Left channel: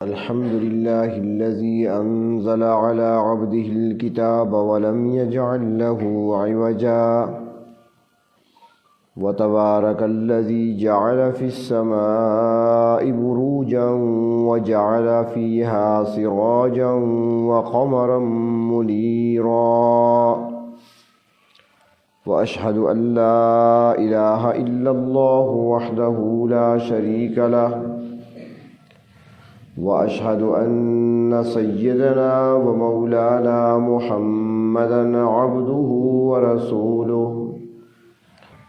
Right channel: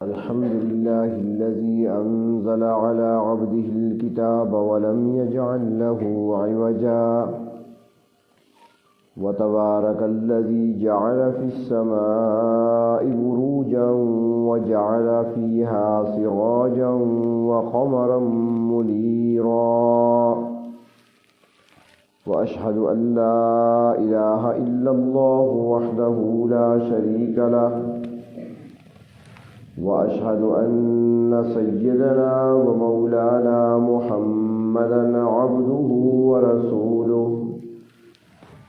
الحمد لله الذي أنزل على عبده الكتاب ولم يجعل له عوجا وتبارك الذي جعل في السماء بروجا وجعل فيها سراجا وقمرا منيرا وأشهد أن لا إله إلا الله وحده لا شريك له وأشهد أن سيدنا ومولانا محمدا عبده ورسوله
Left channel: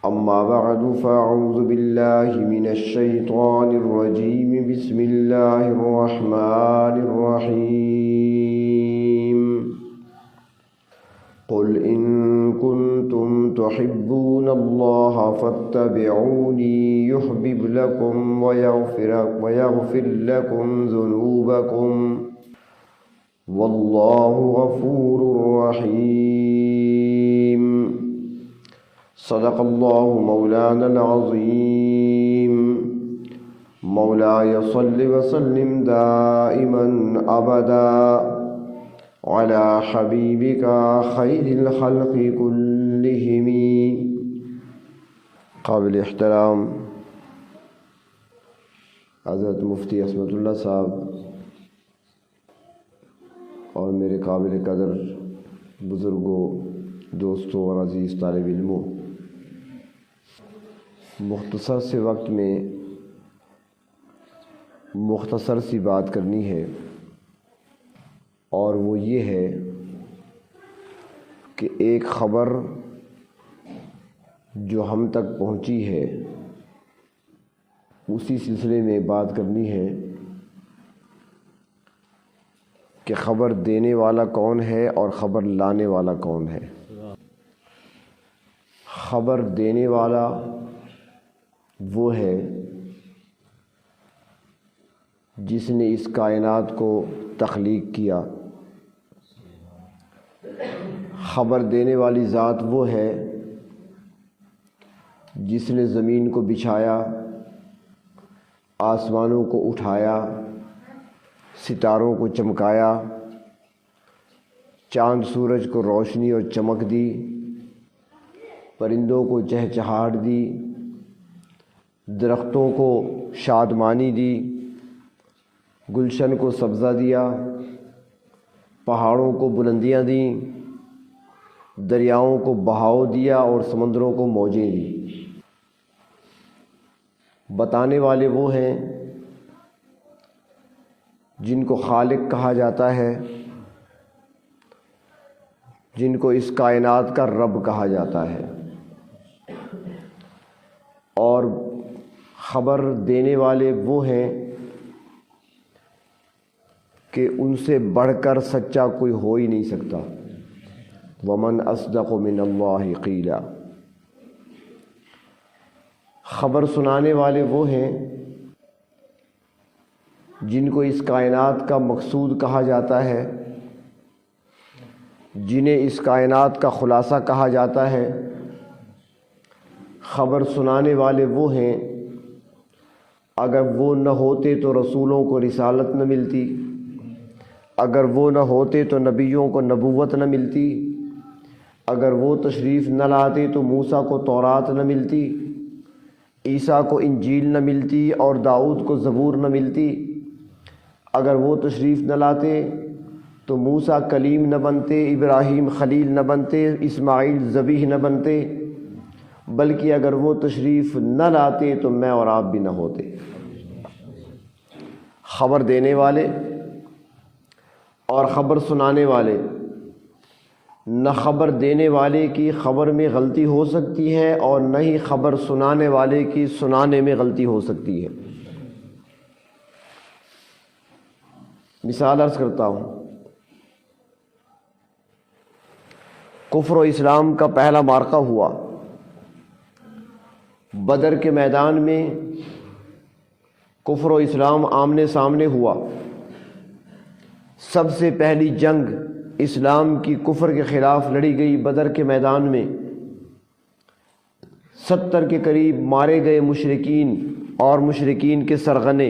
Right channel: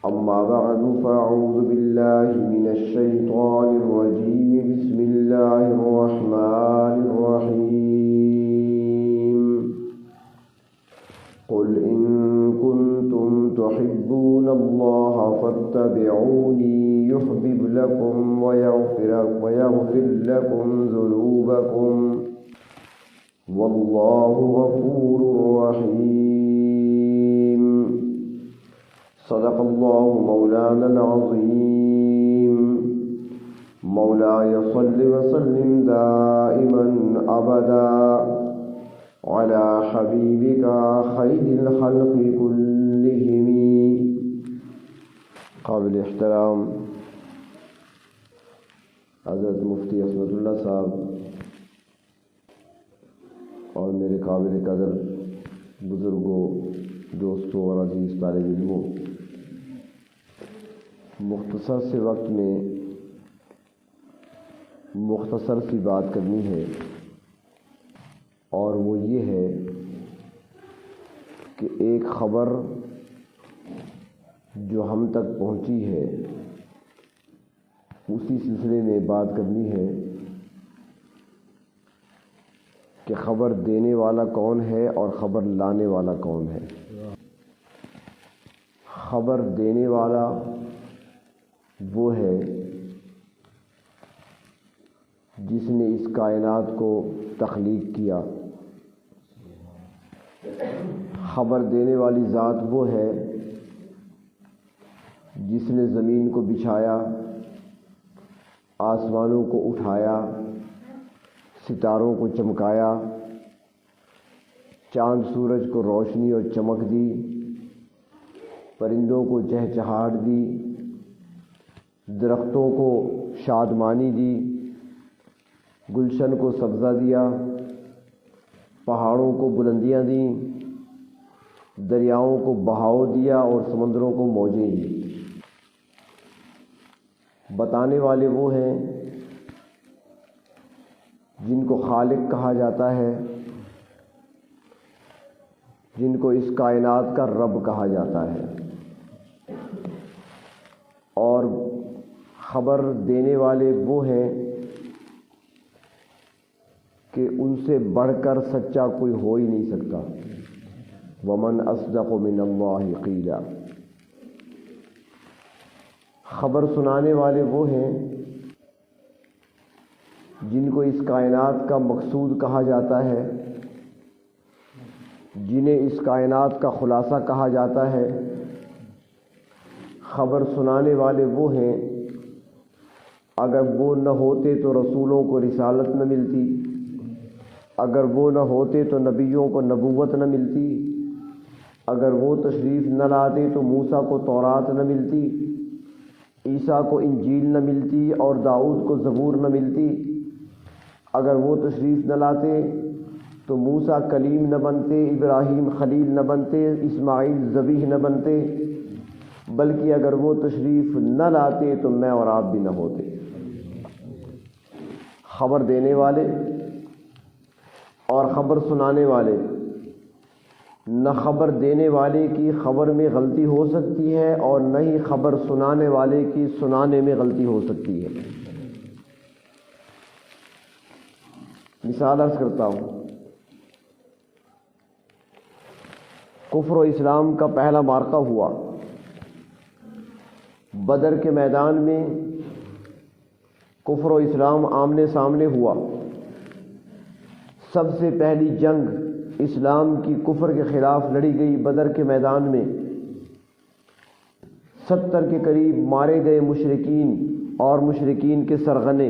أما بعد فأعوذ بالله من الشيطان الرجيم بسم الله الرحمن الرحيم قل إن كنتم تحبون الله فاتبعوني يحبب لكم ويغفر لكم ذنوبكم والله غفور رحيم صدق الله مولانا العظيم مولاي صل وسلم دائما أبدا على حبيبك خير الخلق كلهم. قابل احترام حضرت مفتی عصمت اللہ صاحب اور میرے قابل قدر بزرگوں، دوستوں اور عزیز طالب علموں، مختصر سے وقت میں مختصر سی بات کرنی ہے، اور وہ یہ ہے کہ ایک خبر جو ہم تک پہنچی ہے اسی سلسلے میں بات کرنی ہے کہ خبر دینے والا کون ہے اور خبر لانے والا کون ہے. خبر دینے والا وہ ہے جس نے اس کائنات کو تخلیق کیا. خبر دینے والی ذات وہ ہے جس نے زمین کو بچھایا، آسمانوں کو اٹھایا، ستاروں کو چمکایا، چاند سورج کو روشنی اور چمک دی، پرندوں کو چہچہاہٹ دی، درختوں کو شادمانی دی، گلشن کو سبزہ دیا، پہاڑوں کو بلندیاں دیں، دریاؤں کو بہاؤ دیا اور سمندروں کو موجیں دی. بتانے والے وہ ہیں جن کو خالق کہا جاتا ہے، جن کو اس کائنات کا رب کہا جاتا ہے، اور خبر دینے والے وہ ہیں کہ ان سے بڑھ کر سچا کوئی ہو ہی نہیں سکتا. ومن اصدق من اللہ قیلا. خبر سنانے والے وہ ہیں جن کو اس کائنات کا مقصود کہا جاتا ہے، جنہیں اس کائنات کا خلاصہ کہا جاتا ہے. خبر سنانے والے وہ ہیں، اگر وہ نہ ہوتے تو رسولوں کو رسالت نہ ملتی، اگر وہ نہ ہوتے تو نبیوں کو نبوت نہ ملتی، اگر وہ تشریف نہ لاتے تو موسیٰ کو تورات نہ ملتی، عیسیٰ کو انجیل نہ ملتی اور داؤد کو زبور نہ ملتی. اگر وہ تشریف نہ لاتے تو موسیٰ کلیم نہ بنتے، ابراہیم خلیل نہ بنتے، اسماعیل ذبیح نہ بنتے، بلکہ اگر وہ تشریف نہ لاتے تو میں اور آپ بھی نہ ہوتے. خبر دینے والے اور خبر سنانے والے، نہ خبر دینے والے کی خبر میں غلطی ہو سکتی ہے اور نہ ہی خبر سنانے والے کی سنانے میں غلطی ہو سکتی ہے. مثال عرض کرتا ہوں. کفر و اسلام کا پہلا معرکہ ہوا. بدر کے میدان میں کفر و اسلام آمنے سامنے ہوا. سب سے پہلی جنگ اسلام کی کفر کے خلاف لڑی گئی بدر کے میدان میں. 70 کے قریب مارے گئے مشرکین اور مشرکین کے سرغنے،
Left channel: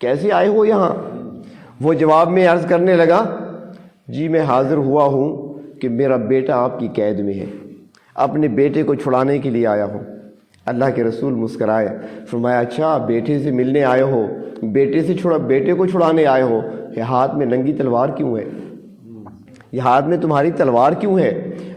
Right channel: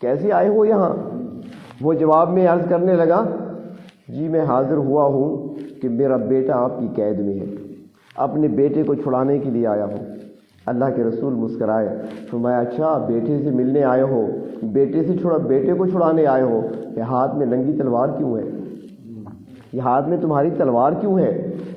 کیسے آئے ہو یہاں؟ وہ جواب میں عرض کرنے لگا جی میں حاضر ہوا ہوں کہ میرا بیٹا آپ کی قید میں ہے، اپنے بیٹے کو چھڑانے کے لیے آیا ہوں۔ اللہ کے رسول مسکرائے، فرمایا اچھا بیٹے سے ملنے آئے ہو، بیٹے کو چھڑانے آئے ہو، یہ ہاتھ میں ننگی تلوار کیوں ہے؟ یہ ہاتھ میں تمہاری تلوار کیوں ہے؟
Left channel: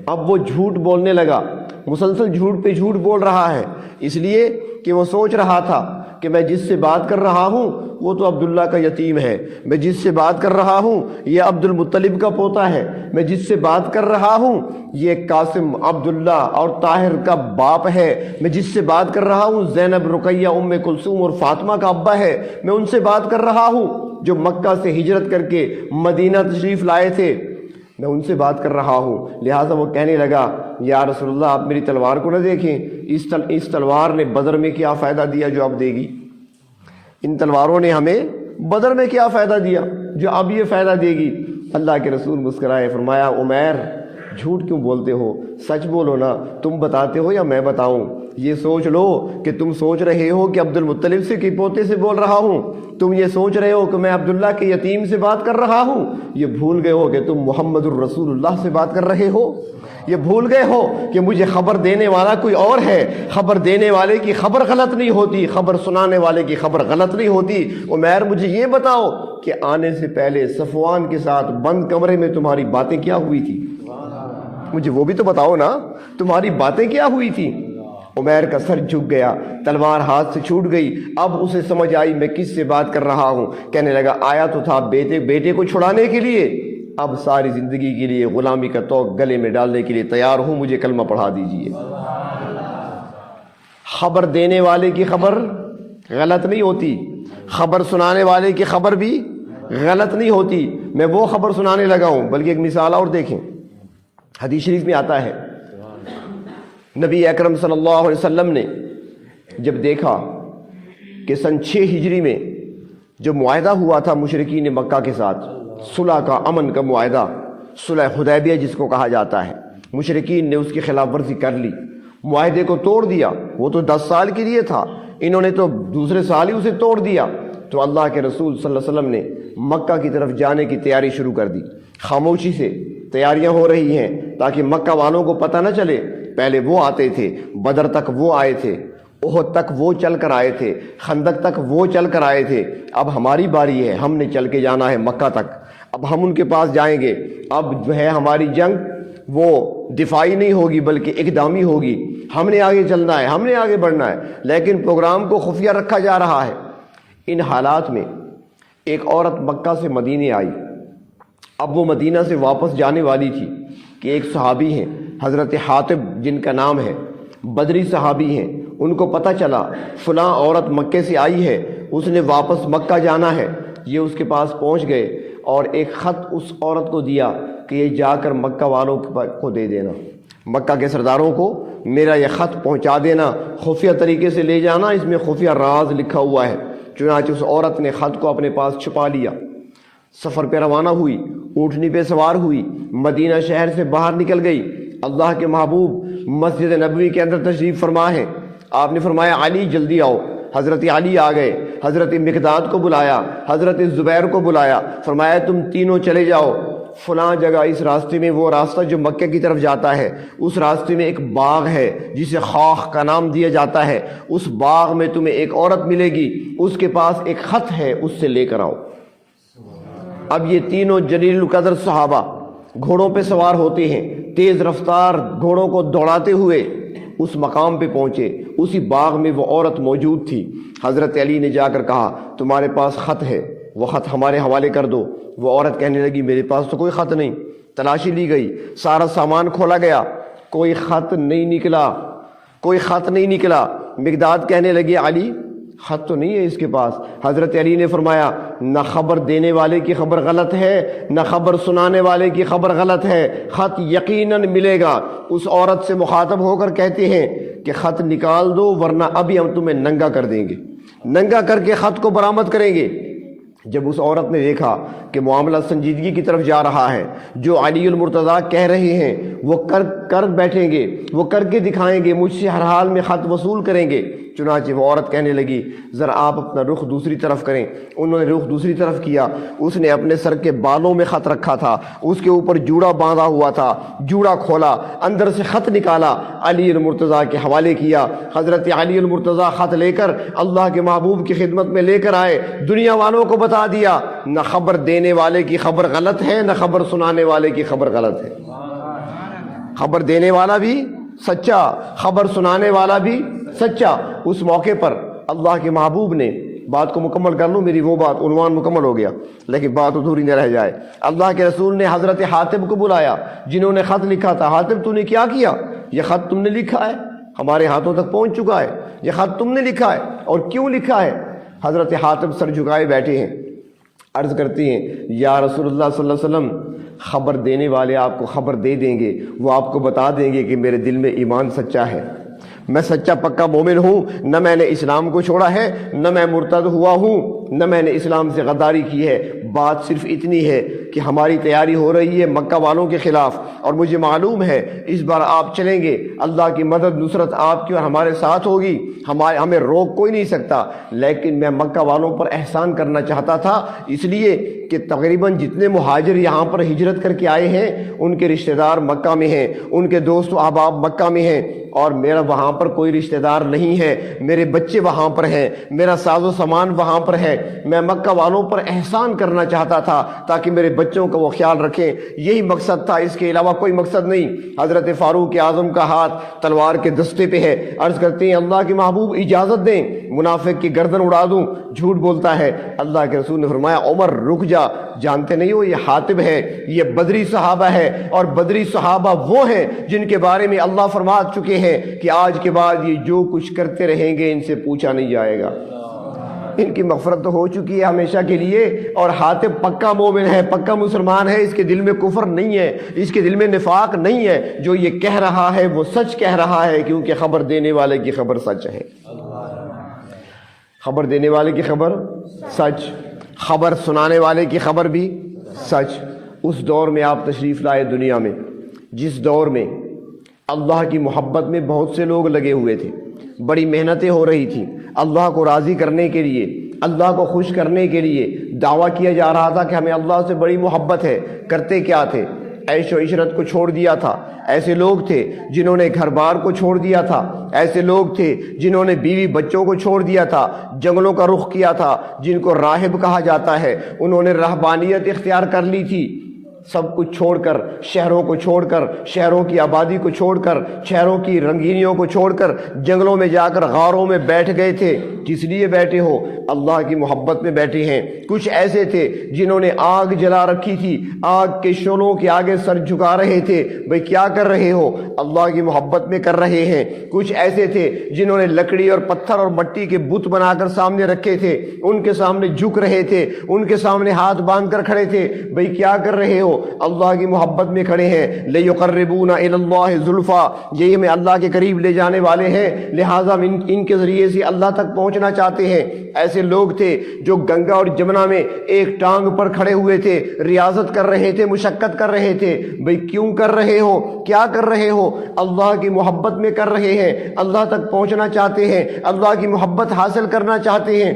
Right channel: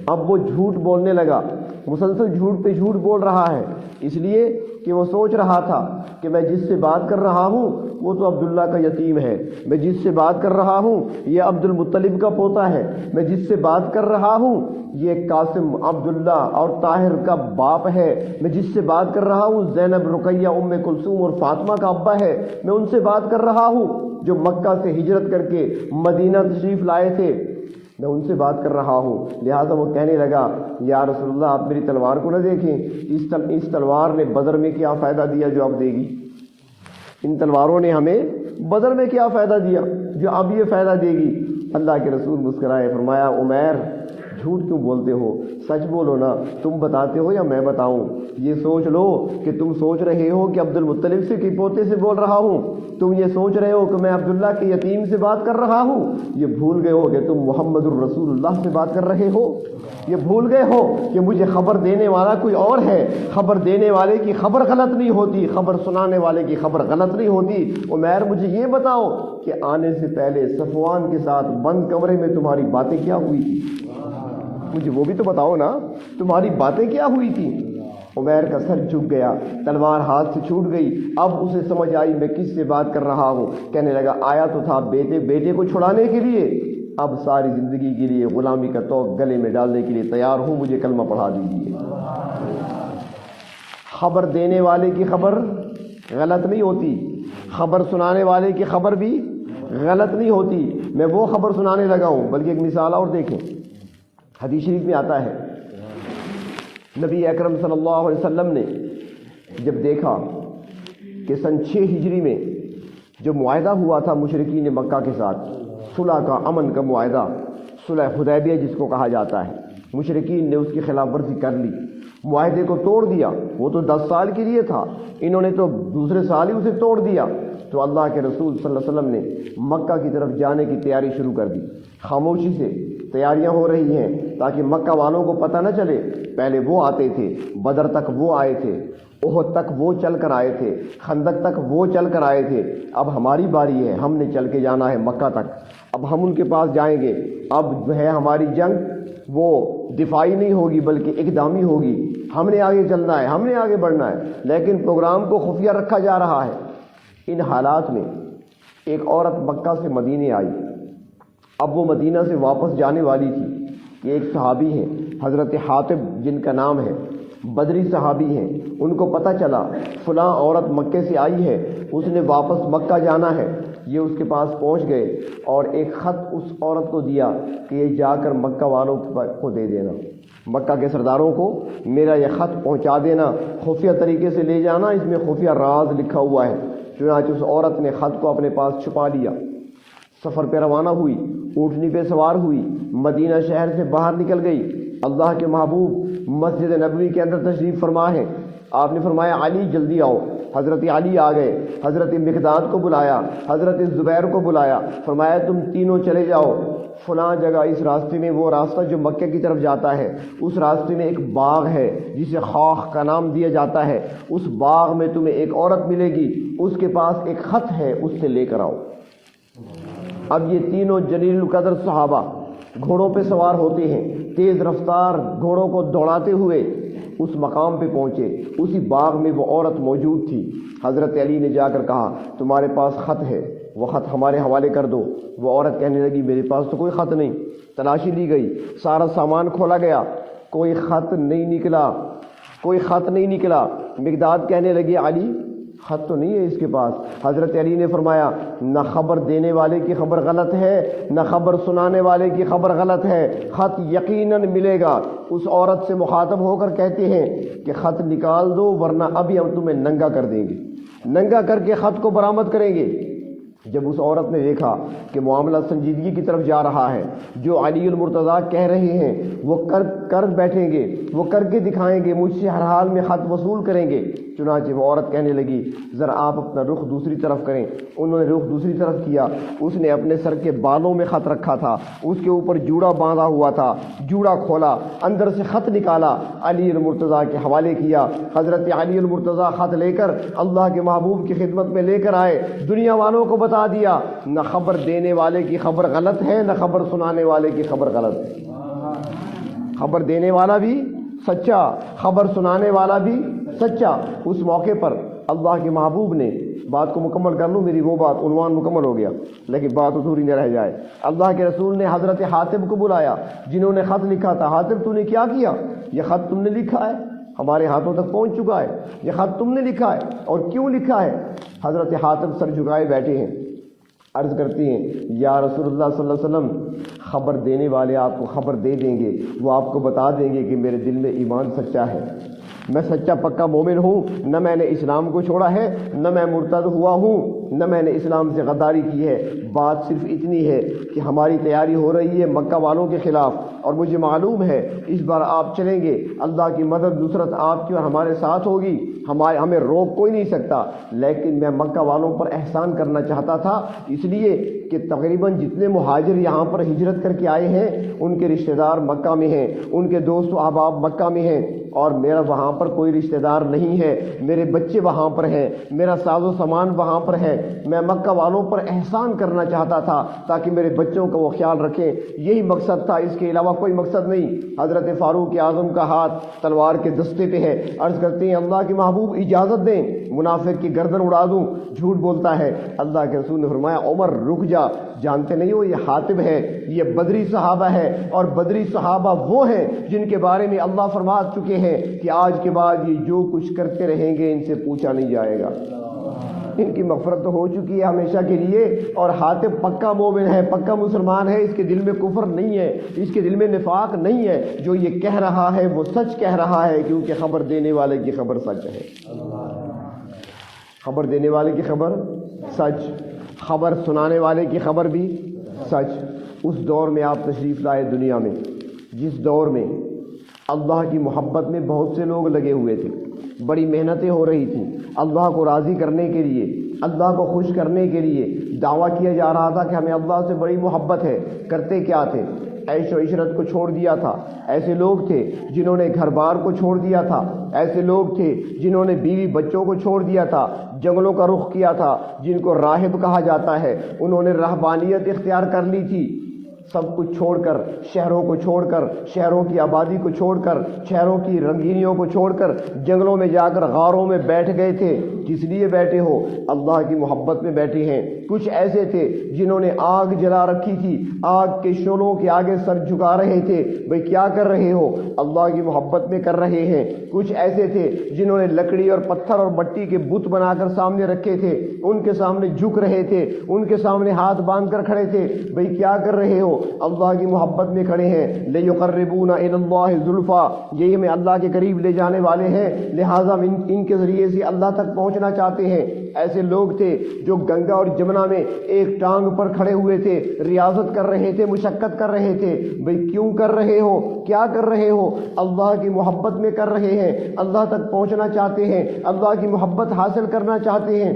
اب وہ جھوٹ بولنے لگا، مسلسل جھوٹ پہ جھوٹ بول رہا ہے، اس لیے کہ وہ سوچ رہا تھا کہ میں جس سے بات کر رہا ہوں وہ تو عبداللہ کا یتیم ہے، میں جس سے بات کر رہا ہوں یہ عبد المطلب کا پوتا ہے، میں جس سے بات کر رہا ہوں یہ قاسم عبداللہ اور طاہر کا باپ ہے، میں جس سے بات کر رہا ہوں زینب رقیہ ام کلثوم اور فاطمہ کا ابا ہے، میں ان سے بات کر رہا ہوں جو مکہ سے ہجرت کر کے مدینہ تشریف لائے تھے، میں ان سے بات کر رہا ہوں۔ لہٰذا وہ کہنے لگا یا رسول اللہ آپ میری تلوار کو نہ دیکھیں، اس تلوار نے بدر میں کیا فائدہ دیا جو اب دے گی؟ ان تلواروں نے ہمیں بدر میں کیا فائدہ دیا جو اب یہ فائدہ دے گی؟ اللہ کے رسول مسکرائے، فرمایا عمیر جھوٹ کیوں بولتے ہو؟ سچ بولو نا، تم بتاتے ہو یا میں بتاؤں؟ یہ سوچ لو کہ تم سوچ رہے ہو کہ عبد المطلب سے کے پوتے سے بول رہا ہوں، تم یہ سوچ رہے ہو کہ میں عبداللہ کے یتیم سے بات کر رہا ہوں، یہ بھول گئے ہو کہ تم محمد الرسول اللہ سے بات کر رہے ہو، یہ بھول گئے ہو کہ مجھے خبر دینے والا کوئی اور ہے، خبر دینے والے کی خبر غلط نہیں ہوتی، خبر سنانے والے کی خبر غلط نہیں ہوتی۔ عمیر مجھے یہ بتاؤ کہ آنے سے پہلے صفوان کے ساتھ بند کمرے میں تمہاری باتیں کیا ہوئی تھی؟ مجھے وہ بھی تو بتاؤ نا، تمہاری باتیں کیا ہوئی تھی؟ عمیر کا سر جھک گیا، تلوار ہاتھ سے چھوٹ گئی، اب اسے سمجھ آئی میں کس سے بات کر رہا ہوں۔ کہنے لگا آیا تو تھا بیٹے کو چھڑانے کے لیے، اب ساری زندگی کے لیے غلامی کا طوق گلے میں ڈالنے کے لیے تیار ہوں، مجھے کلمہ پڑھا دیجیے۔ خبر دینے والے کی خبر غلط نہیں ہوتی، خبر سنانے والے کی خبر بھی غلط نہیں ہوتی۔ میں وہ خبر سنانے لگا ہوں، بلکہ ایک مثال اور دیکھیں، حدیث شریف میں آتا ہے نبی اکرم صلی اللہ علیہ وسلم نے جب دیکھا کہ سن 6 ہجری میں جو معاہدہ ہوا تھا مشرکین مکہ کے ساتھ، صلح کا، امن کا معاہدہ، صلح حدیبیہ جس کو کہا جاتا ہے، مشرکین نے اس کی خلاف ورزی کر لی، معاہدے کو توڑ دیا۔ وہ تو 10 سال کے لیے تھا، انہوں نے تو دوسرے سال ہی اسے توڑ دیا۔ تو اللہ کے رسول صلی اللہ علیہ وسلم نے مکہ کی طرف جانے کی تیاری شروع کر دی، خاموشی سے تیاریاں ہو رہی ہیں تاکہ مکہ والوں کو پتہ نہ چلے۔ پہلے وہ آتے تھے، بدر تک وہ آئے تھے، احد تک وہ چل کر آئے تھے، خندق تک وہ چل کر آئے تھے، اب ہماری باری ہے، ہم نے چل کے جانا ہے مکہ تک، اب ہم ان کے پاس جائیں گے۔ اب جو ہے ہماری جنگ وہ دفاعی نہیں ہوگی بلکہ اقدامی ہوگی، ہم نے آگے چلنا ہے، ہم نے آگے بڑھنا ہے، لیکن پروگرام کو خفیہ رکھا جا رہا ہے۔ ان حالات میں ایک عورت مکہ سے مدینے آئی، اب وہ مدینہ سے واپس جانے والی تھی کہ ایک صحابی ہیں حضرت حاطب جن کا نام ہے، بدری صحابی ہیں، ان کو پتہ چلا فلاں عورت مکے سے آئی ہے، اس نے واپس مکہ جانا ہے۔ یہ اس کے پاس پہنچ گئے اور ایک خط اس عورت کو دیا کہ یہ جا کر مکہ والوں کو دے دینا، مکہ کے سرداروں کو میرا یہ خط پہنچا دینا، خفیہ طریقے سے لے جانا، اس میں خفیہ راز لکھا ہوا ہے۔ چنانچہ اس عورت نے خط کو اپنے پاس چھپا لیا، سفر پہ روانہ ہوئی، اونٹنی پہ سوار ہوئی، مدینہ شہر سے باہر نکل گئی۔ اللہ کے محبوب مسجد نبوی کے اندر تشریف فرما ہے، آپ نے فرمایا علی جلدی آؤ، حضرت علی آ گئے، حضرت مقداد کو بلایا، حضرت زبیر کو بلایا، فرمایا تم تینوں چلے جاؤ فلاں جگہ، اس راستے میں، وہ راستہ جو مکہ کی طرف جاتا ہے، اس راستے میں ایک باغ ہے جسے خاخ کا نام دیا جاتا ہے، اس باغ میں تمہیں ایک عورت ملے گی، اس کے پاس ایک خط ہے، اس سے لے کر آؤ۔ اب یہ تینوں جلیل القدر صحابہ گھوڑوں پہ سوار ہوتے ہیں، تیز رفتار گھوڑوں کو دوڑاتے ہوئے اس مقام پہ پہنچے، اسی باغ میں وہ عورت موجود تھی۔ حضرت علی نے جا کر کہا تمہارے پاس خط ہے، وہ خط ہمارے حوالے کر دو۔ وہ عورت کہنے لگی میرے پاس تو کوئی خط نہیں۔ تلاشی لی گئی، سارا سامان کھولا گیا، کوئی خط نہیں نکلا، کوئی خط نہیں نکلا۔ مقداد کہنے لگے علی خط تو نہیں ہے اس کے پاس۔ حضرت علی نے فرمایا نہ خبر دینے والے کی خبر غلط ہے، نہ خبر سنانے والے کی خبر غلط ہے، خط یقیناً ملے گا۔ اس عورت سے مخاطب ہو کر کہتے ہیں کہ خط نکال دو ورنہ ابھی ہم تمہیں ننگا کر دیں گے، ننگا کر کے خط کو برآمد کریں گے۔ جب اس عورت نے دیکھا کہ معاملہ سنجیدگی کی طرف جا رہا ہے، جو علی المرتضیٰ کہہ رہے ہیں وہ کر بیٹھیں گے، وہ کر کے دکھائیں گے، مجھ سے ہر حال میں خط وصول کریں گے، چنانچہ وہ عورت کہنے لگی ذرا آپ اپنا رخ دوسری طرف کریں۔ انہوں نے رخ دوسری طرف کیا۔ اس نے اپنے سر کے بالوں میں خط رکھا تھا، اس کے اوپر جوڑا باندھا ہوا تھا، جوڑا کھولا، اندر سے خط نکالا، علی المرتضیٰ کے حوالے کیا۔ حضرت علی المرتضیٰ خط لے کر اللہ کے محبوب کی خدمت میں لے کر آئے، دنیا والوں کو بتا دیا نہ خبر دینے والے کی خبر غلط ہے نہ خبر سنانے والے کی خبر غلط ہے، خبر دینے والا بھی سچا، خبر سنانے والا بھی سچا۔ اس موقع پر اللہ کے محبوب نے، بات کو مکمل کر لوں، میری وہ بات عنوان مکمل ہو گیا لیکن بات ادھوری نہ رہ جائے، اللہ کے رسول نے حضرت حاتب کو بلایا جنہوں نے خط لکھا تھا۔ حاتب تو نے کیا کیا؟ یہ خط تم نے لکھا ہے، ہمارے ہاتھوں تک پہنچ چکا ہے، یہ خط تم نے لکھا ہے، اور کیوں لکھا ہے؟ حضرت حاتب سر جھکائے بیٹھے ہیں، عرض کرتے ہیں یا رسول اللہ صلی اللہ علیہ وسلم، خبر دینے والے آپ کو خبر دے دیں گے، وہ آپ کو بتا دیں گے کہ میرے دل میں ایمان سچا ہے، میں سچا پکا مومن ہوں، نہ میں نے اسلام کو چھوڑا ہے، نہ میں مرتد ہوا ہوں، نہ میں نے اسلام سے غداری کی ہے۔ بات صرف اتنی ہے کہ ہماری تیاری ہو رہی ہے مکہ والوں کے خلاف، اور مجھے معلوم ہے اس بار آپ چلیں گے، اللہ کی مدد نصرت آپ کی اور ہمارے ساتھ ہوگی، ہمیں روک کوئی نہیں سکتا، لیکن میں مکہ والوں پر احسان کرنا چاہتا تھا، اس لیے کہ تقریباً جتنے مہاجر یہاں پر ہجرت کر کے آئے ہیں ان کے رشتہ دار مکہ میں ہیں، ان کے دوست و احباب مکہ میں ہیں، اور میرا وہاں پر کوئی رشتہ دار نہیں ہے، میرے بچے وہاں پر ہیں، میرا ساز و سامان وہاں پر ہے، میں مکہ والوں پر احسان کرنا چاہتا تھا تاکہ میرے بچوں کا وہ خیال رکھیں، یہی مقصد تھا، اس کے علاوہ کوئی مقصد نہیں۔ حضرت فاروق اعظم کا ہاتھ تلوار کے دستے پہ ہے، عرض کرتے ہیں اللہ کے محبوب اجازت دیں منافق کی گردن اڑا دوں، جھوٹ بولتا ہے۔ اللہ کے رسول نے فرمایا عمر رک جا، جانتے نہیں ہو یہ حاتب ہے، یہ بدری صحابہ ہے، اور بدری صحابہ وہ ہیں جن کے بارے میں اللہ فرما چکے ہیں کہ آج کے بعد یہ جو کچھ کرتے رہیں گے ان سے پوچھا نہیں جائے گا، ان کی مغفرت تو ہو چکی ہے ہمیشہ کے لیے۔ اور حاتب پکا مومن ہے، پکا مسلمان ہے، اس کے دل میں کفر نہیں ہے، اس کے دل میں نفاق نہیں ہے، جو یہ کہہ رہا ہے وہ سچ کہہ رہا ہے، کیونکہ خبر دینے والے کی خبر سچ ہے، خبر دینے والے کی خبر سچ، خبر سنانے والے کی خبر بھی سچ۔ اس دور میں آپ تشریف لائے دنیا میں، جس دور میں اللہ کی محبت میں بہت سے لوگ لگے ہوئے تھے، بڑی محنتیں ہو رہی تھیں، اللہ کو راضی کرنے کے لیے، اللہ کو خوش کرنے کے لیے دعویٰ کیا جا رہا تھا کہ ہمیں اللہ سے بڑی محبت ہے۔ کرتے کیا تھے؟ عیش و عشرت کو چھوڑ دیا تھا، ایسے لوگ تھے جنہوں نے گھر بار کو چھوڑ دیا تھا، ایسے لوگ تھے جنہوں نے بیوی بچوں کو چھوڑ دیا تھا، جنگلوں کا رخ کیا تھا، جن کو راہب کہا جاتا ہے، انہوں نے رہبانیت اختیار کر لی تھی، سب کچھ چھوڑ کر، شہروں کو چھوڑ کر، شہروں کی آبادی کو چھوڑ کر، شہروں کی رنگینیوں کو چھوڑ کر جنگلوں میں جا کر غاروں میں بیٹھ گئے تھے۔ کس لیے بیٹھے ہو؟ اللہ کی محبت میں بیٹھے ہیں۔ کچھ ایسے تھے جنہوں نے آگ جلا رکھی تھی، آگ کے شعلوں کے آگے سر جھکا رہے تھے، بھئی کیا کر رہے ہو؟ اللہ کی محبت میں کر رہے ہیں۔ کچھ ایسے تھے جنہوں نے لکڑی اور پتھر اور مٹی کے بت بنا کر سامنے رکھے تھے، ان کے سامنے جھک رہے تھے، ان کے سامنے ہاتھ باندھ کر کھڑے تھے، بھئی کیا کر رہے ہو؟ اللہ کی محبت میں کھڑے ہیں۔ لِيُقَرِّبُونَ إِلَى اللَّهِ زُلْفَىٰ، یہی ہمیں اللہ کے قریب لے جانے والے ہیں، لہٰذا ان کے ذریعے سے اللہ تک پہنچنا چاہتے ہیں۔ ایسے لوگ تھے جو گنگا اور جمنا میں ایک ٹانگ پر کھڑے ہوئے تھے، ریاضت کر رہے تھے، مشقت کر رہے تھے، بھئی کیوں کر رہے ہو؟ کیا کر رہے ہو؟ اللہ کی محبت میں کر رہے ہیں، اللہ تک پہنچنا چاہتے ہیں، اللہ کی محبت حاصل کرنا چاہتے ہیں۔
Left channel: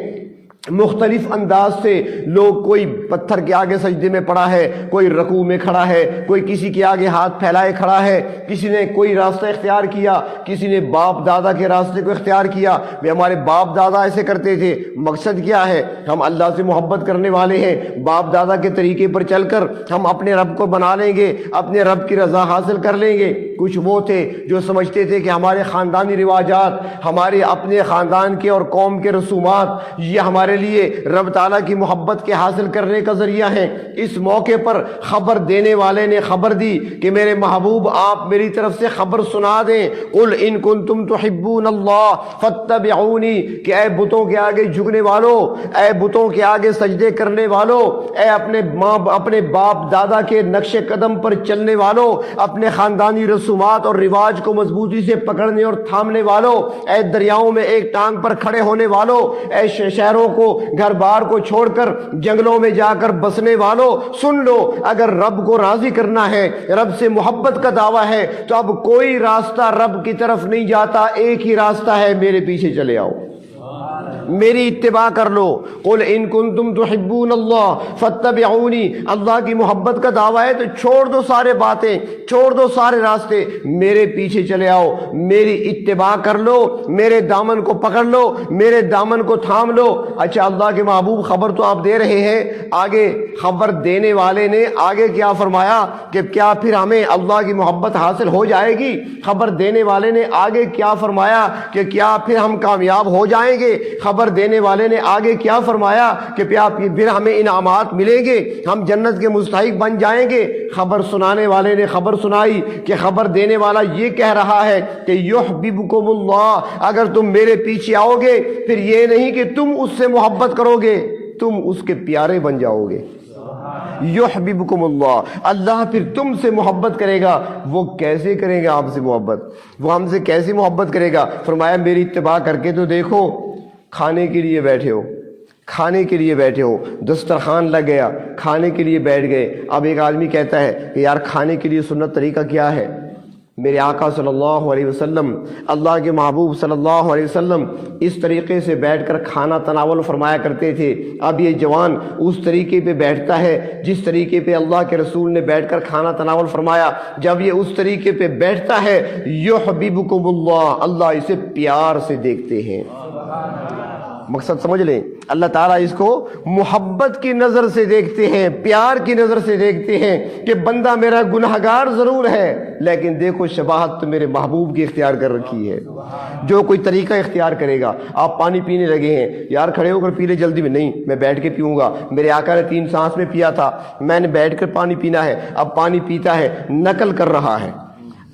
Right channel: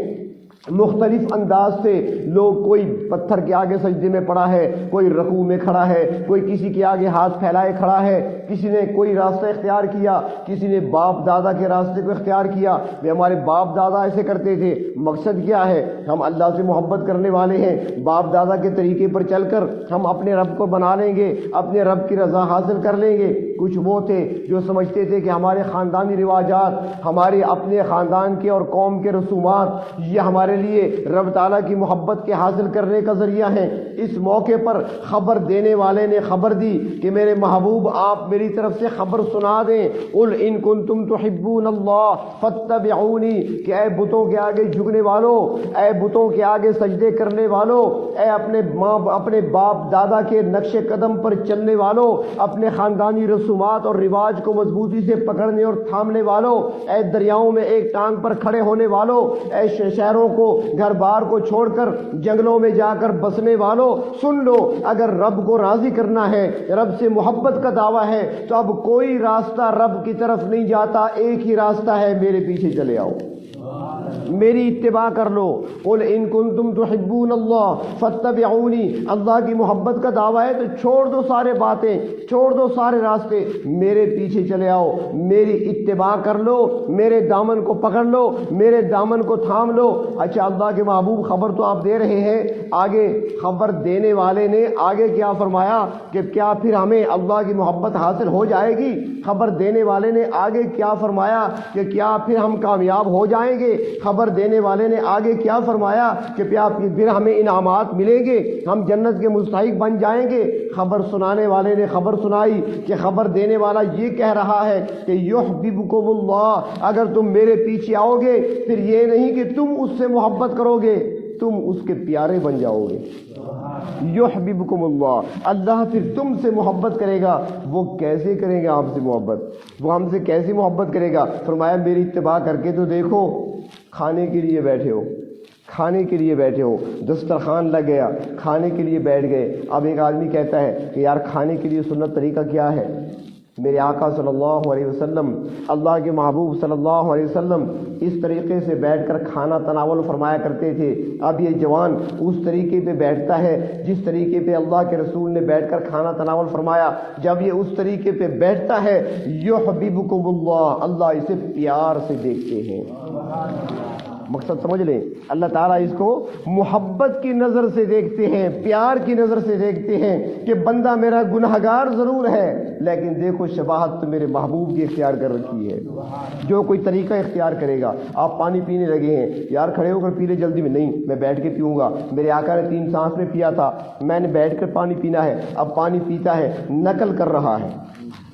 مختلف انداز سے لوگ، کوئی پتھر کے آگے سجدے میں پڑا ہے، کوئی رکوع میں کھڑا ہے، کوئی کسی کے آگے ہاتھ پھیلائے کھڑا ہے، کسی نے کوئی راستہ اختیار کیا، کسی نے باپ دادا کے راستے کو اختیار کیا، وہ ہمارے باپ دادا ایسے کرتے تھے۔ مقصد کیا ہے؟ ہم اللہ سے محبت کرنے والے ہیں، باپ دادا کے طریقے پر چل کر ہم اپنے رب کو بنا لیں گے، اپنے رب کی رضا حاصل کر لیں گے۔ کچھ وہ تھے جو سمجھتے تھے کہ ہمارے خاندانی رواجات، ہمارے اپنے خاندان کے اور قوم کے رسومات، یہ ہمارے لیے رب تعالیٰ کی محبت کے حاصل کرنے کا ذریعہ ہے۔ اس موقع پر خبر دینے والے نے خبر دی کہ میرے محبوب آپ میری طرف سے خبر سنا دیں، قل ان کنتم تحبون اللہ فاتبعونی، کہ اے بتوں کے آگے جھکنے والوں، اے بتوں کے آگے سجدے کرنے والوں، اے اپنے باپ دادا کے نقش قدم پر چلنے والوں، اپنے خاندانی رسومات اور رواج کو مضبوطی سے پکڑنے اور تھامنے والوں، اے دریاؤں میں ایک ٹانگ پر کھڑے ہونے والوں، اے شہروں کو گھر بار کو چھوڑ کر جنگلوں میں جا کر بسنے والوں سن لو، اگر رب کو راضی کرنا ہے، رب سے محبت کا دعویٰ ہے تو اب کوئی راستہ رب کی طرف نہیں جاتا، ایک ہی راستہ ہے، میرے پیچھے چلے آؤ، میری اتباع کر لو۔ قل ان کنتم تحبون اللہ فاتبعونی، اللہ کی محبت کا دعویٰ ہے تو چھوڑ دو سارے باتیں، چھوڑ دو سارے راستے، میرے پیچھے چلے آؤ، میری اتباع کر لو، میرے دامن کو پکڑ لو، میرے دامن کو تھام لو۔ اچھا اللہ کے محبوب خبر تو آپ دے رہے ہیں، آگے خبر دینے والے نے آگے کیا فرمایا کہ کیا پھر ہمیں اللہ کی محبت حاصل ہو جائے گی؟ خبر دینے والے نے آگے کیا فرمایا کہ کیا پھر ہم کامیاب ہو جائیں گے؟ خبر دینے والے نے آگے کیا فرمایا کہ پھر ہمیں انعامات ملیں گے، ہم جنت کے مستحق بن جائیں گے؟ خبر سنانے والے نے خبر سنائی کہ خبر دینے والا یہ کہہ رہا ہے کہ یحببکم اللہ، اگر تم میرے پیچھے آؤ گے پھر یہ نہیں کہ تم اس سے محبت کرو گے، تم اس کے پیارے بن جاؤ گے۔ یحببکم اللہ، اللہ پھر تم سے محبت کرے گا۔ وہ کیسے کرے گا آپ سے محبت؟ وہ ہم سے کیسے محبت کرے گا؟ فرمایا میری اتباع کر کے تو دیکھو، کھانے کے لیے بیٹھے ہو، کھانے کے لیے بیٹھے ہو، دسترخوان لگ گیا، کھانے کے لیے بیٹھ گئے، اب ایک آدمی کہتا ہے کہ یار کھانے کے لیے سنت طریقہ کیا ہے؟ میرے آقا صلی اللہ علیہ وسلم، اللہ کے محبوب صلی اللہ علیہ وسلم اس طریقے سے بیٹھ کر کھانا تناول فرمایا کرتے تھے۔ اب یہ جوان اس طریقے پہ بیٹھتا ہے جس طریقے پہ اللہ کے رسول نے بیٹھ کر کھانا تناول فرمایا، جب یہ اس طریقے پہ بیٹھتا ہے یحببکم اللہ، اللہ اسے پیار سے دیکھتے ہیں۔ مقصد سمجھ لیں، اللہ تعالیٰ اس کو محبت کی نظر سے دیکھتے ہیں، پیار کی نظر سے دیکھتے ہیں کہ بندہ میرا گناہگار ضرور ہے لیکن دیکھو شباہت تو میرے محبوب کی اختیار کر رکھی ہے۔ جو کوئی طریقہ اختیار کرے گا، آپ پانی پینے لگے ہیں، یار کھڑے ہو کر پی لے جلدی میں، نہیں میں بیٹھ کے پیوں گا، میرے آقا نے 3 سانس میں پیا تھا، میں نے بیٹھ کر پانی پینا ہے، اب پانی پیتا ہے، نقل کر رہا ہے،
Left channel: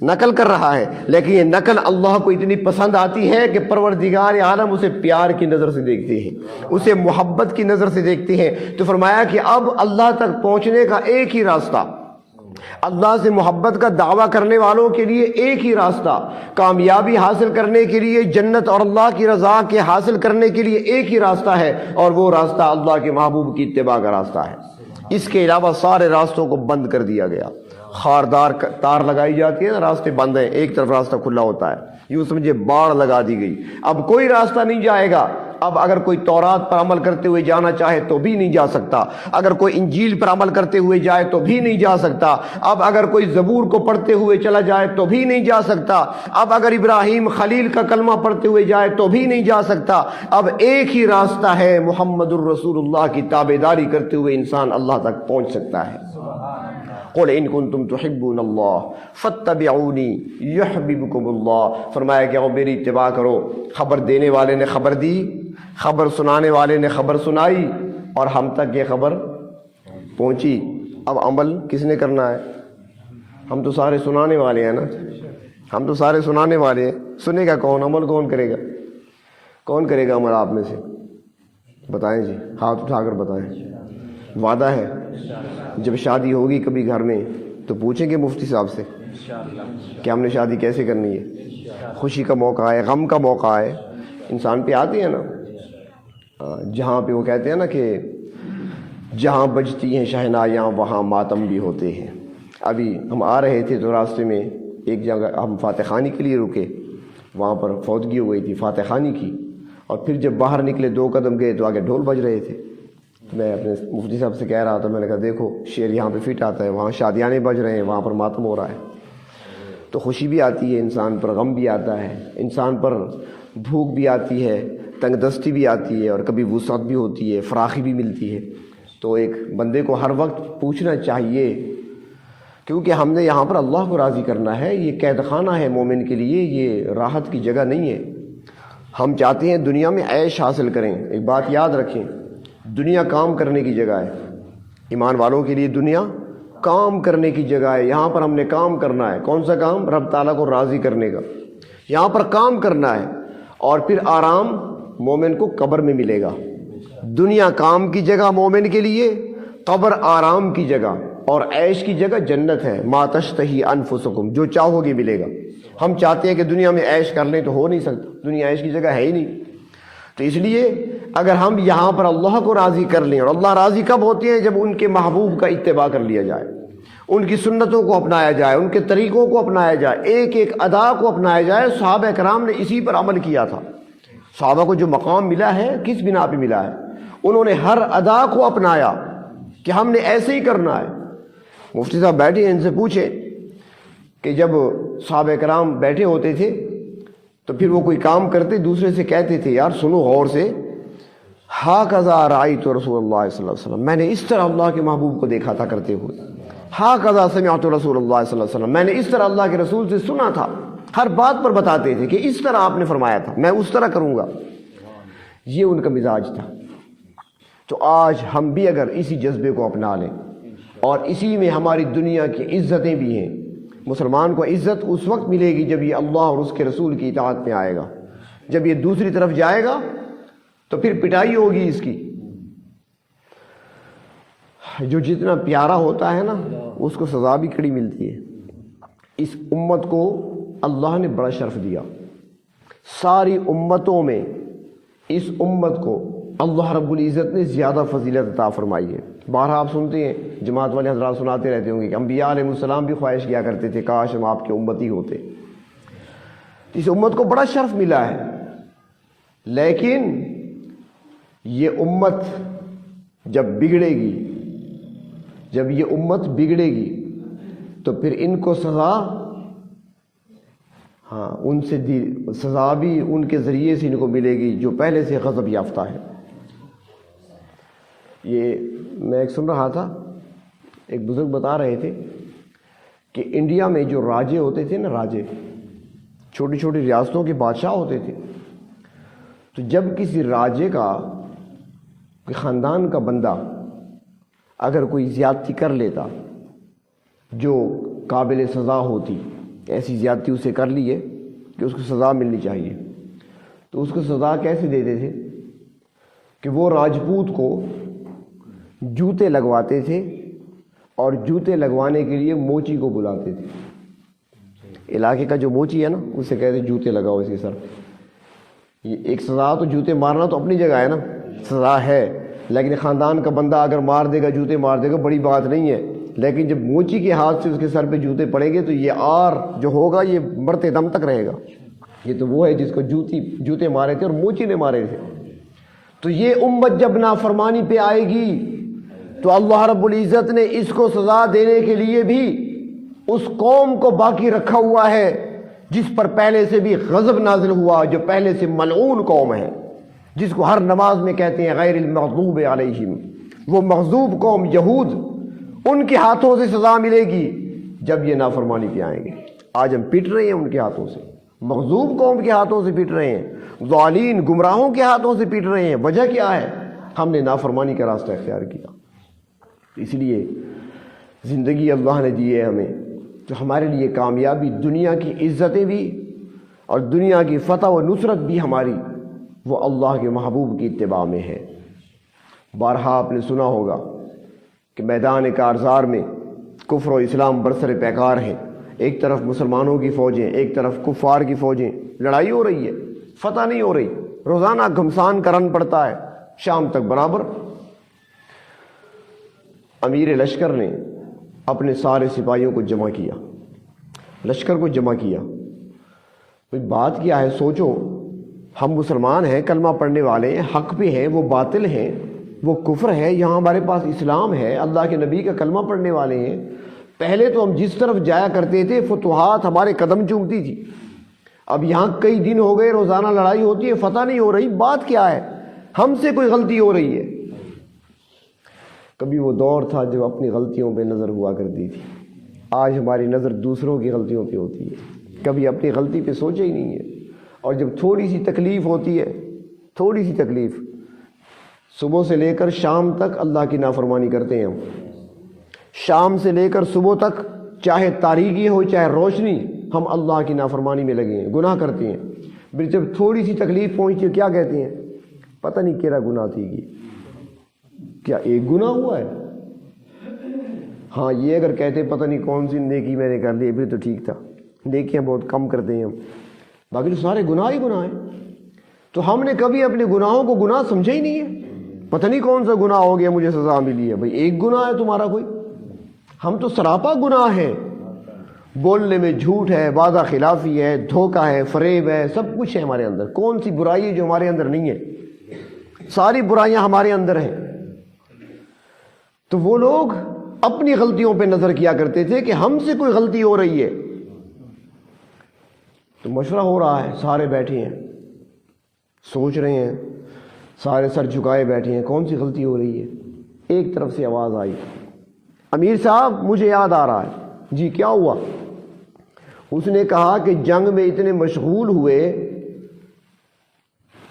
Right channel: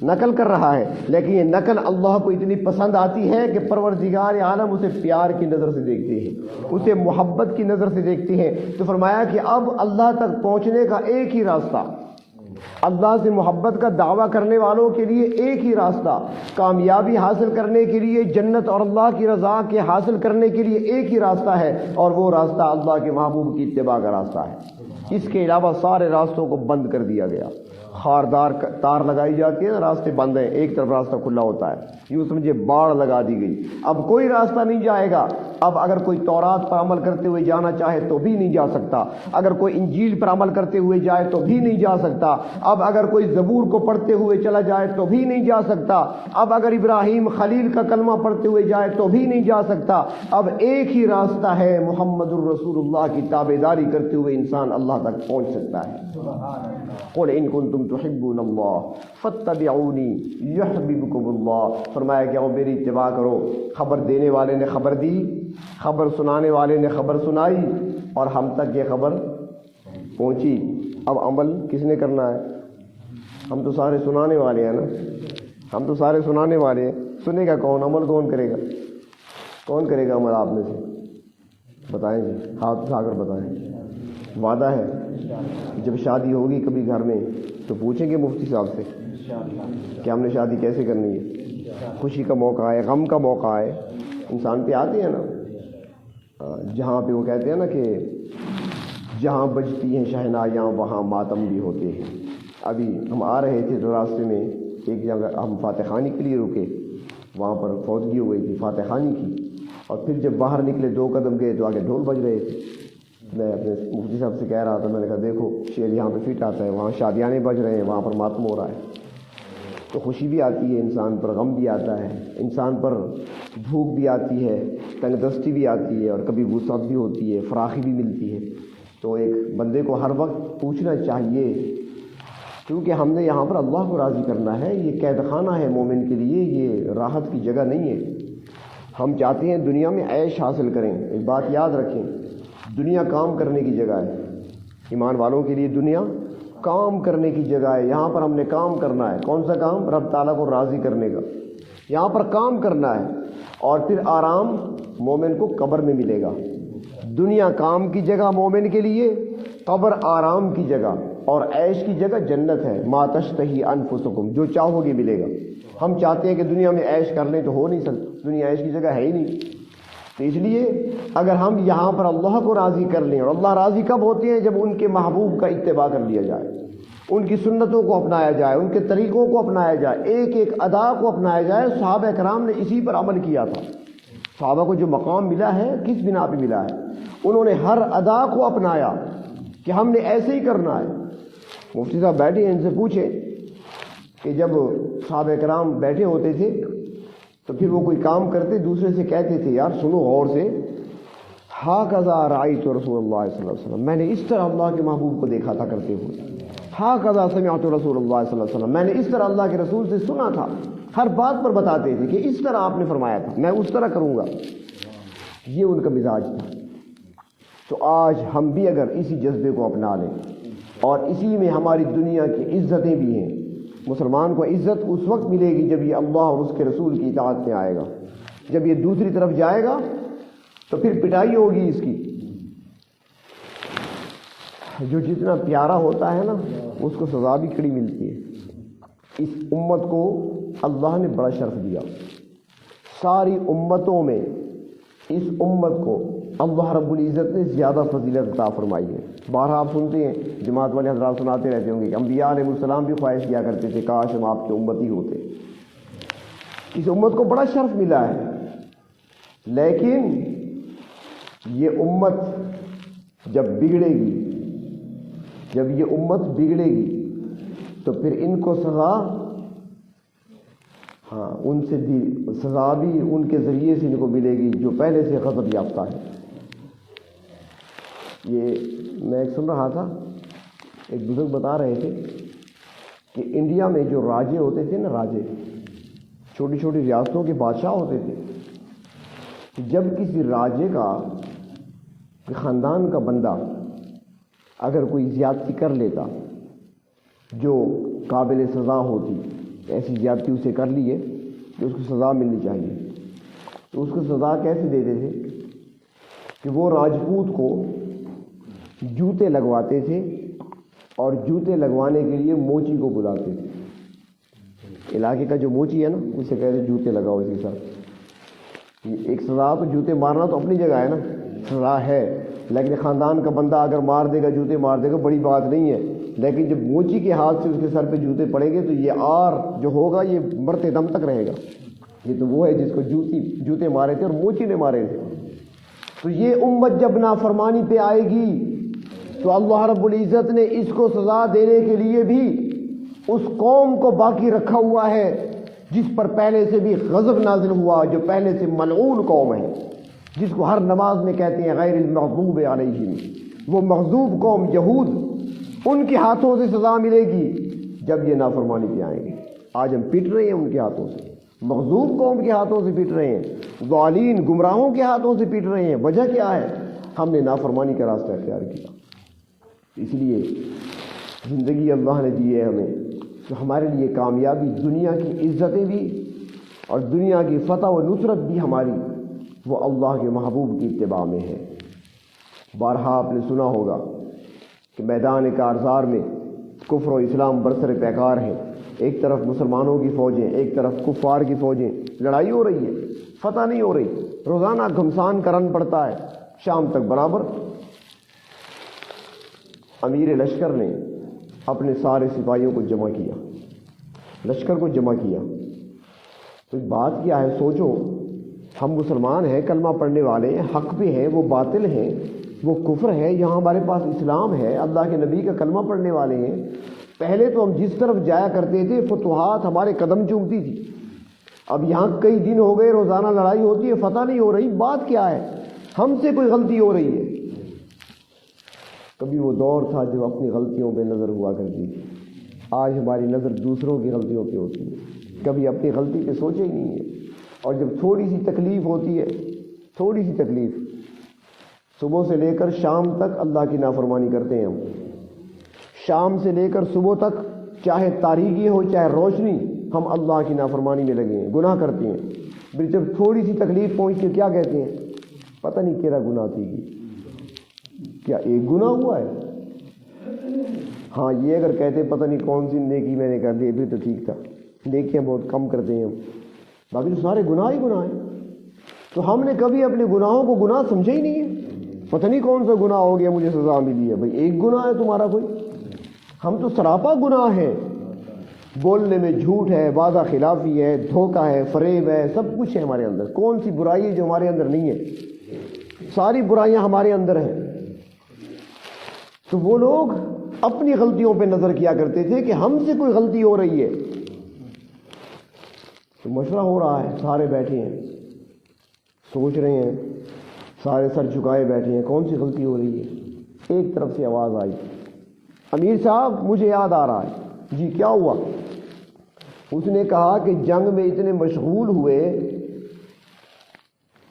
نقل کر رہا ہے، لیکن یہ نقل اللہ کو اتنی پسند آتی ہے کہ پروردگار عالم اسے پیار کی نظر سے دیکھتے ہیں، اسے محبت کی نظر سے دیکھتے ہیں۔ تو فرمایا کہ اب اللہ تک پہنچنے کا ایک ہی راستہ، اللہ سے محبت کا دعویٰ کرنے والوں کے لیے ایک ہی راستہ، کامیابی حاصل کرنے کے لیے، جنت اور اللہ کی رضا کے حاصل کرنے کے لیے ایک ہی راستہ ہے، اور وہ راستہ اللہ کے محبوب کی اتباع کا راستہ ہے۔ اس کے علاوہ سارے راستوں کو بند کر دیا گیا، خاردار تار لگائی جاتی ہے نا، راستے بند ہیں، ایک طرف راستہ کھلا ہوتا ہے، یوں سمجھے باڑ لگا دی گئی، اب کوئی راستہ نہیں جائے گا۔ اب اگر کوئی تورات پر عمل کرتے ہوئے جانا چاہے تو بھی نہیں جا سکتا، اگر کوئی انجیل پر عمل کرتے ہوئے جائے تو بھی نہیں جا سکتا، اب اگر کوئی زبور کو پڑھتے ہوئے چلا جائے تو بھی نہیں جا سکتا، اب اگر ابراہیم خلیل کا کلمہ پڑھتے ہوئے جائے تو بھی نہیں جا سکتا۔ اب ایک ہی راستہ ہے، محمد الرسول اللہ کی تابعداری کرتے ہوئے انسان اللہ تک پہنچ سکتا ہے۔ قل ان کنتم تحبون اللہ فاتبعونی یحببکم اللہ، فرمایا کہ میری اتباع کرو۔ خبر دینے والے نے خبر دی، خبر سنانے والے نے خبر سنائی، اور ہم تک یہ خبر پہنچی۔ اب عمل کس نے کرنا ہے؟ ہم تو سارے سنانے والے ہیں نا، ہم تو سارے سنانے والے ہیں، سنے گا کون؟ عمل کون کرے گا؟ کون کرے گا عمل آپ میں سے؟ بتائیں جی، ہاتھ اٹھا کر بتائیں۔ وعدہ ہے جب شادی ہوگی کبھی گھر میں تو پوچھیں گے مفتی صاحب سے کہ ہم نے شادی کیسے کرنی ہے، خوشی کا موقع ہے، غم کا موقع ہے، انسان پہ آتے ہیں نا، جہاں پہ وہ کہتے ہیں نا کہ جہاں بجتی ہیں شہنائیاں وہاں ماتم بھی ہوتے ہیں۔ ابھی ہم آ رہے تھے تو راستے میں ایک جگہ ہم فاتح خانی کے لیے رکے، وہاں پر فوتگی ہو گئی تھی فاتح خانی کی، اور پھر جب باہر نکلے 2 قدم گئے تو آگے ڈھول بج رہے تھے۔ میں اپنے مفتی صاحب سے کہہ رہا تھا، میں نے کہا دیکھو شعر یہاں پہ فٹ آتا ہے، وہاں شادیانے بج رہے ہیں، وہاں پر ماتم ہو رہا ہے۔ تو خوشی بھی آتی ہے انسان پر، غم بھی آتا ہے انسان پر، بھوک بھی آتی ہے، تنگ دستی بھی آتی ہے، اور کبھی وسعت بھی ہوتی ہے، فراخی بھی ملتی ہے۔ تو ایک بندے کو ہر وقت پوچھنا چاہیے، کیونکہ ہم نے یہاں پر اللہ کو راضی کرنا ہے، یہ قید خانہ ہے مومن کے لیے، یہ راحت کی جگہ نہیں ہے۔ ہم چاہتے ہیں دنیا میں عیش حاصل کریں۔ ایک بات یاد رکھیں، دنیا کام کرنے کی جگہ ہے، ایمان والوں کے لیے دنیا کام کرنے کی جگہ ہے۔ یہاں پر ہم نے کام کرنا ہے، کون سا کام؟ رب تعالیٰ کو راضی کرنے کا، یہاں پر کام کرنا ہے، اور پھر آرام مومن کو قبر میں ملے گا۔ دنیا کام کی جگہ مومن کے لیے، قبر آرام کی جگہ، اور عیش کی جگہ جنت ہے۔ ما تشتہی انفسکم، جو چاہو گے ملے گا۔ ہم چاہتے ہیں کہ دنیا میں عیش کر لیں تو ہو نہیں سکتا، دنیا عیش کی جگہ ہے ہی نہیں۔ تو اس لیے اگر ہم یہاں پر اللہ کو راضی کر لیں، اور اللہ راضی کب ہوتے ہیں؟ جب ان کے محبوب کا اتباع کر لیا جائے، ان کی سنتوں کو اپنایا جائے، ان کے طریقوں کو اپنایا جائے، ایک ایک ادا کو اپنایا جائے۔ صحابہ کرام نے اسی پر عمل کیا تھا۔ صحابہ کو جو مقام ملا ہے کس بنا پہ ملا ہے؟ انہوں نے ہر ادا کو اپنایا کہ ہم نے ایسے ہی کرنا ہے۔ مفتی صاحب بیٹھے ہیں، ان سے پوچھے کہ جب صحابہ کرام بیٹھے ہوتے تھے تو پھر وہ کوئی کام کرتے، دوسرے سے کہتے تھے یار سنو غور سے، ہاکذا رأیت رسول اللہ صلی اللہ علیہ وسلم، میں نے اس طرح اللہ کے محبوب کو دیکھا تھا کرتے ہوئے، ہاکذا سمعت رسول اللہ صلی اللہ علیہ وسلم، میں نے اس طرح اللہ کے رسول سے سنا تھا۔ ہر بات پر بتاتے تھے کہ اس طرح آپ نے فرمایا تھا، میں اس طرح کروں گا۔ یہ ان کا مزاج تھا۔ تو آج ہم بھی اگر اسی جذبے کو اپنا لیں، اور اسی میں ہماری دنیا کی عزتیں بھی ہیں۔ مسلمان کو عزت اس وقت ملے گی جب یہ اللہ اور اس کے رسول کی اطاعت میں آئے گا۔ جب یہ دوسری طرف جائے گا تو پھر پٹائی ہوگی اس کی۔ جو جتنا پیارا ہوتا ہے نا اس کو سزا بھی کڑی ملتی ہے۔ اس امت کو اللہ نے بڑا شرف دیا۔ ساری امتوں میں اس امت کو اللہ رب العزت نے زیادہ فضیلت عطا فرمائی ہے۔ بارہا آپ سنتے ہیں، جماعت والے حضرات سناتے رہتے ہوں گے کہ انبیاء علیہ السلام بھی خواہش کیا کرتے تھے کاش ہم آپ کے امتی ہوتے۔ اس امت کو بڑا شرف ملا ہے، لیکن یہ امت جب بگڑے گی، جب یہ امت بگڑے گی تو پھر ان کو سزا، ان سے سزا بھی ان کے ذریعے سے ان کو ملے گی جو پہلے سے غضب یافتہ ہے۔ یہ میں ایک سن رہا تھا، ایک بزرگ بتا رہے تھے کہ انڈیا میں جو راجے ہوتے تھے نا، راجے چھوٹی چھوٹی ریاستوں کے بادشاہ ہوتے تھے، تو جب کسی راجے کا، کوئی خاندان کا بندہ اگر کوئی زیادتی کر لیتا جو قابل سزا ہوتی، ایسی زیادتی اسے کر لی ہے کہ اس کو سزا ملنی چاہیے، تو اس کو سزا کیسے دیتے تھے کہ وہ راجپوت کو جوتے لگواتے تھے، اور جوتے لگوانے کے لیے موچی کو بلاتے تھے۔ علاقے کا جو موچی ہے نا اسے کہتے ہیں جوتے لگاؤ اس کے سر۔ یہ ایک سزا، تو جوتے مارنا تو اپنی جگہ ہے نا، سزا ہے، لیکن خاندان کا بندہ اگر مار دے گا، جوتے مار دے گا، بڑی بات نہیں ہے۔ لیکن جب موچی کے ہاتھ سے اس کے سر پہ جوتے پڑیں گے تو یہ آر جو ہوگا یہ مرتے دم تک رہے گا۔ یہ تو وہ ہے جس کو جوتے مارے تھے اور موچی نے مارے تھے۔ تو یہ امت جب نافرمانی پہ آئے گی تو اللہ رب العزت نے اس کو سزا دینے کے لیے بھی اس قوم کو باقی رکھا ہوا ہے جس پر پہلے سے بھی غضب نازل ہوا، جو پہلے سے ملعون قوم ہے، جس کو ہر نماز میں کہتے ہیں غیر المغضوب علیہم، وہ مغضوب قوم یہود، ان کے ہاتھوں سے سزا ملے گی جب یہ نافرمانی پہ آئیں گے۔ آج ہم پٹ رہے ہیں ان کے ہاتھوں سے، مغضوب قوم کے ہاتھوں سے پٹ رہے ہیں، ضالین گمراہوں کے ہاتھوں سے پٹ رہے ہیں۔ وجہ کیا ہے؟ ہم نے نافرمانی کا راستہ اختیار کیا۔ اس لیے زندگی اللہ نے دی ہے ہمیں تو ہمارے لیے کامیابی، دنیا کی عزتیں بھی اور دنیا کی فتح و نصرت بھی ہماری وہ اللہ کے محبوب کی اتباع میں ہے۔ بارہا آپ نے سنا ہوگا کہ میدان کارزار میں کفر و اسلام برسر پیکار ہیں، ایک طرف مسلمانوں کی فوجیں، ایک طرف کفار کی فوجیں، لڑائی ہو رہی ہے، فتح نہیں ہو رہی، روزانہ گھمسان کرن پڑتا ہے، شام تک برابر۔ امیر لشکر نے اپنے سارے سپاہیوں کو جمع کیا، لشکر کو جمع کیا۔ کوئی بات کیا ہے؟ سوچو، ہم مسلمان ہیں، کلمہ پڑھنے والے ہیں، حق پہ ہیں، وہ باطل ہیں، وہ کفر ہے، یہاں ہمارے پاس اسلام ہے، اللہ کے نبی کا کلمہ پڑھنے والے ہیں۔ پہلے تو ہم جس طرف جایا کرتے تھے فتوحات ہمارے قدم چومتی تھی، اب یہاں کئی دن ہو گئے روزانہ لڑائی ہوتی ہے، فتح نہیں ہو رہی۔ بات کیا ہے؟ ہم سے کوئی غلطی ہو رہی ہے؟ کبھی وہ دور تھا جب اپنی غلطیوں پہ نظر ہوا کرتی تھی، آج ہماری نظر دوسروں کی غلطیوں پہ ہوتی ہے، کبھی اپنی غلطی پہ سوچے ہی نہیں ہے۔ اور جب تھوڑی سی تکلیف ہوتی ہے، تھوڑی سی تکلیف، صبح سے لے کر شام تک اللہ کی نافرمانی کرتے ہیں ہم، شام سے لے کر صبح تک چاہے تاریکی ہو چاہے روشنی، ہم اللہ کی نافرمانی میں لگے ہیں، گناہ کرتے ہیں۔ پھر جب تھوڑی سی تکلیف پہنچتی ہے کیا کہتے ہیں؟ پتہ نہیں کیرا گناہ تھی گی، کیا ایک گناہ ہوا ہے؟ ہاں یہ اگر کہتے پتہ نہیں کون سی نیکی میں نے کر دی پھر تو ٹھیک تھا، نیکیاں بہت کم کرتے ہیں ہم، باقی تو سارے گناہ ہی گناہ ہیں۔ تو ہم نے کبھی اپنے گناہوں کو گناہ سمجھا ہی نہیں ہے. پتہ نہیں کون سا گناہ ہو گیا مجھے سزا ملی ہے. بھئی ایک گناہ ہے تمہارا کوئی؟ ہم تو سراپا گناہ ہے. بولنے میں جھوٹ ہے، وعدہ خلافی ہے، دھوکہ ہے، فریب ہے، سب کچھ ہے ہمارے اندر. کون سی برائی ہے جو ہمارے اندر نہیں ہے؟ ساری برائیاں ہمارے اندر ہیں. تو وہ لوگ اپنی غلطیوں پہ نظر کیا کرتے تھے کہ ہم سے کوئی غلطی ہو رہی ہے. تو مشورہ ہو رہا ہے، سارے بیٹھے ہیں، سوچ رہے ہیں، سارے سر جھکائے بیٹھے ہیں کون سی غلطی ہو رہی ہے. ایک طرف سے آواز آئی، امیر صاحب مجھے یاد آ رہا ہے. جی کیا ہوا؟ اس نے کہا کہ جنگ میں اتنے مشغول ہوئے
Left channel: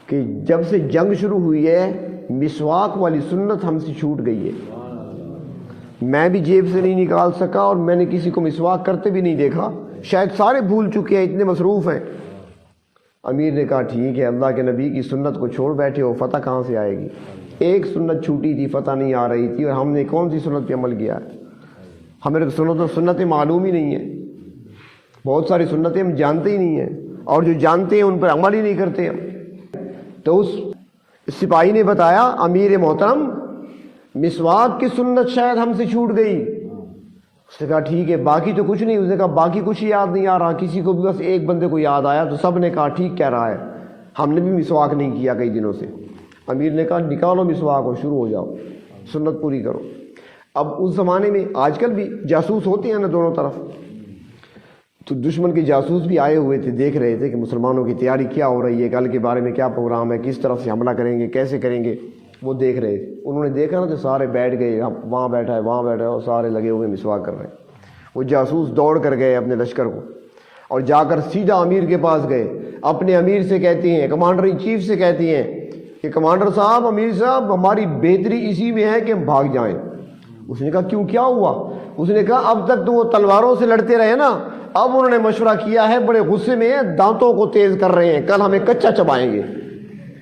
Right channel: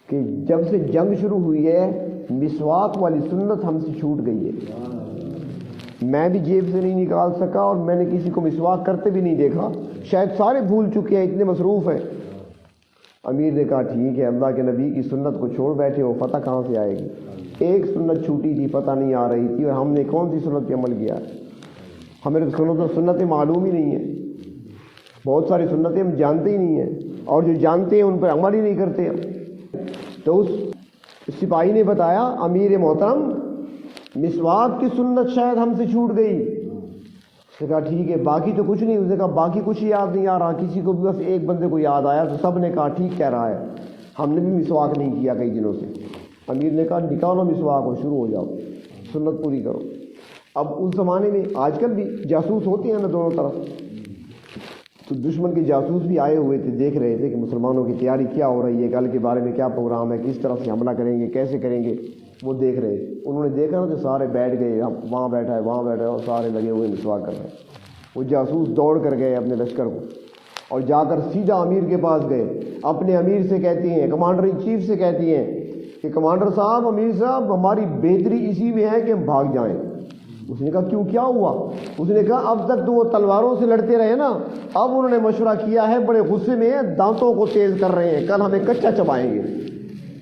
کہ جب سے جنگ شروع ہوئی ہے مسواک والی سنت ہم سے چھوٹ گئی ہے. میں بھی جیب سے نہیں نکال سکا اور میں نے کسی کو مسواک کرتے بھی نہیں دیکھا. شاید سارے بھول چکے ہیں، اتنے مصروف ہیں. امیر نے کہا ٹھیک ہے، اللہ کے نبی کی سنت کو چھوڑ بیٹھے ہو، فتح کہاں سے آئے گی؟ ایک سنت چھوٹی تھی، فتح نہیں آ رہی تھی، اور ہم نے کون سی سنت پہ عمل کیا ہے؟ ہمیں تو سنتیں معلوم ہی نہیں ہیں. بہت ساری سنتیں ہم جانتے ہی نہیں ہیں، اور جو جانتے ہیں ان پر عمل ہی نہیں کرتے. تو اس سپاہی نے بتایا امیر محترم مسواک کی سنت شاید ہم سے چھوٹ گئی. اس نے کہا ٹھیک ہے، باقی تو کچھ نہیں. اس نے کہا باقی کچھ یاد نہیں آ رہا. کسی کو بھی بس ایک بندے کو یاد آیا تو سب نے کہا ٹھیک کہہ رہا ہے، ہم نے بھی مسواک نہیں کیا کئی دنوں سے. امیر نے کہا نکالو مسواک اور شروع ہو جاؤ، سنت پوری کرو. اب اس زمانے میں، آج کل بھی جاسوس ہوتے ہیں نا دونوں طرف، تو دشمن کے جاسوس بھی آئے ہوئے تھے، دیکھ رہے تھے کہ مسلمانوں کی تیاری کیا ہو رہی ہے، کل کے بارے میں کیا پروگرام ہے، کس طرف سے حملہ کریں گے، کیسے کریں گے. وہ دیکھ رہے، انہوں نے دیکھا نا تو سارے بیٹھ گئے، وہاں بیٹھا ہے وہاں بیٹھا ہے، اور سارے لگے ہوئے مسواک کر رہے ہیں. وہ جاسوس دوڑ کر گئے اپنے لشکر کو اور جا کر سیدھا امیر کے پاس گئے. اپنے امیر سے کہتے ہیں، کمانڈر ان چیف سے کہتی ہیں کہ کمانڈر صاحب، امیر صاحب، ہماری بہتری اسی میں ہے کہ ہم بھاگ جائیں. اس نے کہا کیوں، کیا ہوا؟ اس نے کہا اب تک تو وہ تلواروں سے لڑتے رہے نا، اب انہوں نے مشورہ کیا ہے، بڑے غصے میں ہیں، دانتوں کو تیز کر رہے ہیں، کل ہمیں کچا چبائیں گے،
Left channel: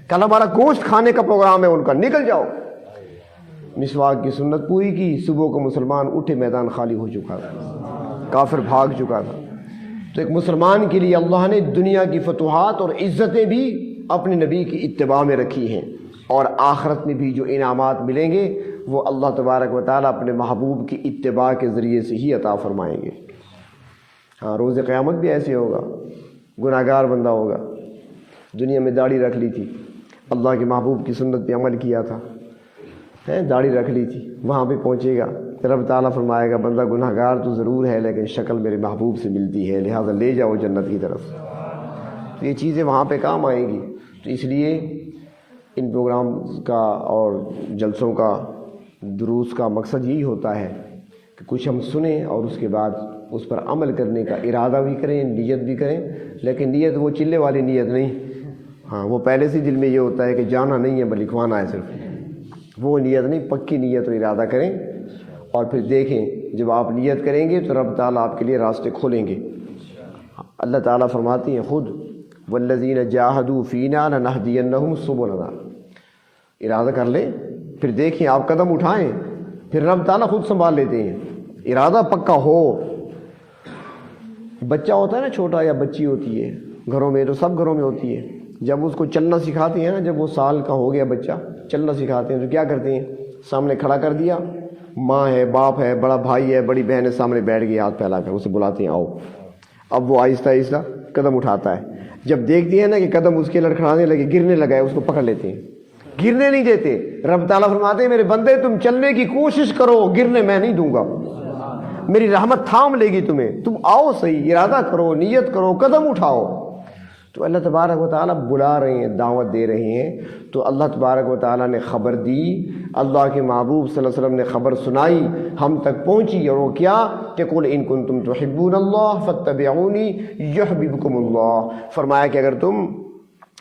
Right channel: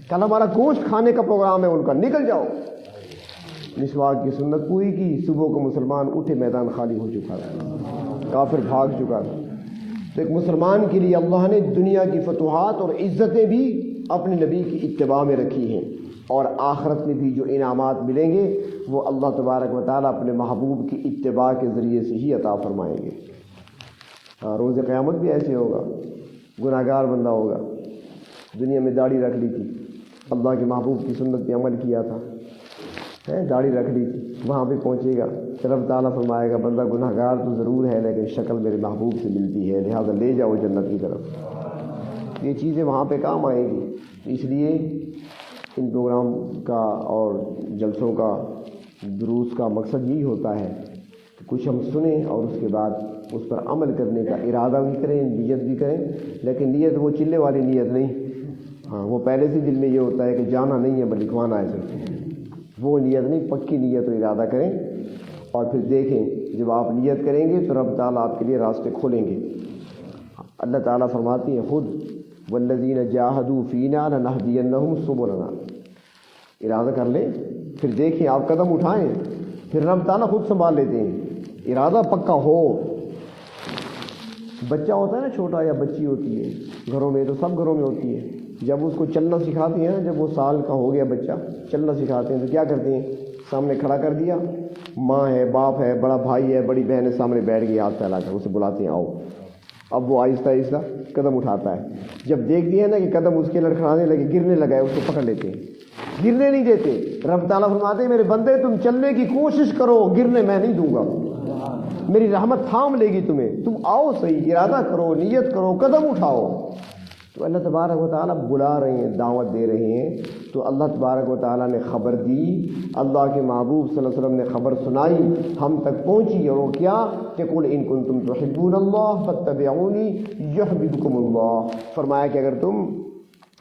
کل ہمارا گوشت کھانے کا پروگرام ہے ان کا، نکل جاؤ. مسواک کی سنت پوری کی. صبح کو مسلمان اٹھے، میدان خالی ہو چکا تھا، کافر بھاگ چکا تھا. تو ایک مسلمان کے لیے اللہ نے دنیا کی فتوحات اور عزتیں بھی اپنے نبی کی اتباع میں رکھی ہیں، اور آخرت میں بھی جو انعامات ملیں گے وہ اللہ تبارک و تعالیٰ اپنے محبوب کی اتباع کے ذریعے سے ہی عطا فرمائیں گے. ہاں، روز قیامت بھی ایسے ہوگا. گناہ گار بندہ ہوگا، دنیا میں داڑھی رکھ لی تھی، اللہ کے محبوب کی سنت پہ عمل کیا تھا، داڑھی رکھ لی تھی، وہاں پہ پہنچے گا، رب تعالیٰ فرمائے گا بندہ گناہ گار تو ضرور ہے لیکن شکل میرے محبوب سے ملتی ہے، لہذا لے جاؤ جنت کی طرف. تو یہ چیزیں وہاں پہ کام آئیں گی. تو اس لیے ان پروگرام کا اور جلسوں کا، دروس کا مقصد یہی ہوتا ہے کہ کچھ ہم سنیں اور اس کے بعد اس پر عمل کرنے کا ارادہ بھی کریں، نیت بھی کریں. لیکن نیت وہ چلے والی نیت نہیں، ہاں وہ پہلے سے دل میں یہ ہوتا ہے کہ جانا نہیں ہے بلکہ لکھوانا ہے، صرف وہ نیت نہیں، پکی نیت اور ارادہ کریں. اور پھر دیکھیں جب آپ نیت کریں گے تو رب تعالیٰ آپ کے لیے راستے کھولیں گے. اللہ تعالیٰ فرماتی ہیں خود، والذین جاہدوا فینا لنہدینہم سبلنا. ارادہ کر لیں، پھر دیکھیں، آپ قدم اٹھائیں، پھر رب تعالیٰ خود سنبھال لیتے ہیں. ارادہ پکا ہو. بچہ ہوتا ہے نا چھوٹا، یا بچی ہوتی ہے گھروں میں، تو سب گھروں میں ہوتی ہے، جب اس کو چلنا سکھاتے ہیں نا، جب وہ سال کا ہو گیا بچہ، چلنا سکھاتے ہیں تو کیا کرتے ہیں، سامنے کھڑا کر دیا، ماں ہے، باپ ہے، بڑا بھائی ہے، بڑی بہن ہے، سامنے بیٹھ گئی ہاتھ پھیلا کر، اسے بلاتے ہیں آؤ. اب وہ آہستہ آہستہ قدم اٹھاتا ہے. جب دیکھتی ہے نا کہ قدم اس کے لڑکھڑانے لگے، گرنے لگا ہے، اس کو پکڑ لیتے ہیں، گرنے نہیں دیتے. رب تعالیٰ فرماتے ہیں میرے بندے تم چلنے کی کوشش کرو، گرنے میں نہیں دوں گا، میری رحمت تھام لے گی تمہیں، تم آؤ صحیح، ارادہ کرو، نیت کرو، قدم اٹھاؤ. تو اللہ تبارک و تعالیٰ بلا رہے ہیں، دعوت دے رہے ہیں. تو اللہ تبارک و تعالیٰ نے خبر دی، اللہ کے محبوب صلی اللہ علیہ وسلم نے خبر سنائی، ہم تک پہنچی، اور وہ کیا کہ قل ان کنتم تحبون اللہ فاتبعونی یحببکم اللہ. فرمایا کہ اگر تم